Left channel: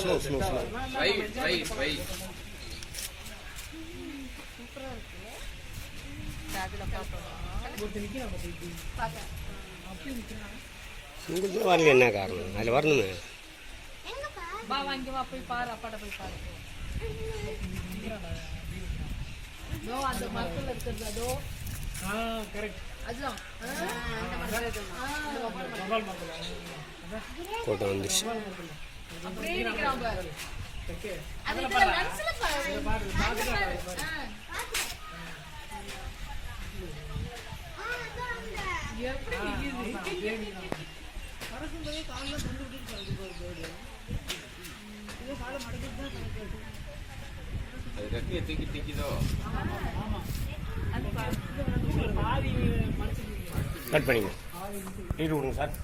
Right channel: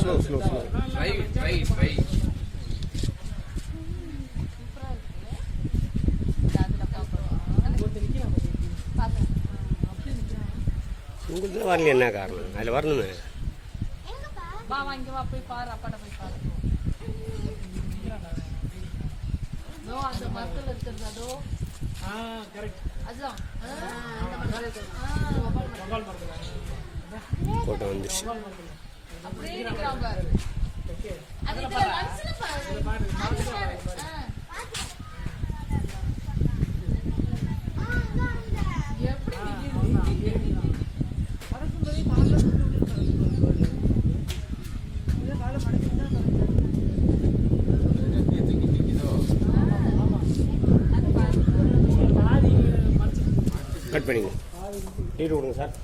Slow slow slow. உங்களுக்கு வரல என்ன காரணம்? அதில் வரணுமே. வா வாங்கி வா போய் பாரு, அப்பாட்ட போய் பாரு. நோ அந்த மரத்துல இருக்குது அதோ. கரெக்ட். அதுதான். கோட்டை வந்துருச்சு. அப்படியே நிக்கிறான் பாரு. அது இதுல லென்ஸ்ல பாரு. எப்படி நிக்குது? அரசுந்தரே கால்ல சுட்டு இது கால மடக்கிட்டா கட்டிய தூக்கி நிக்குதோ. ஆமா. அது பாதி மடிச்சு கட் பண்ணிங்க. டீ விடுங்க சார்.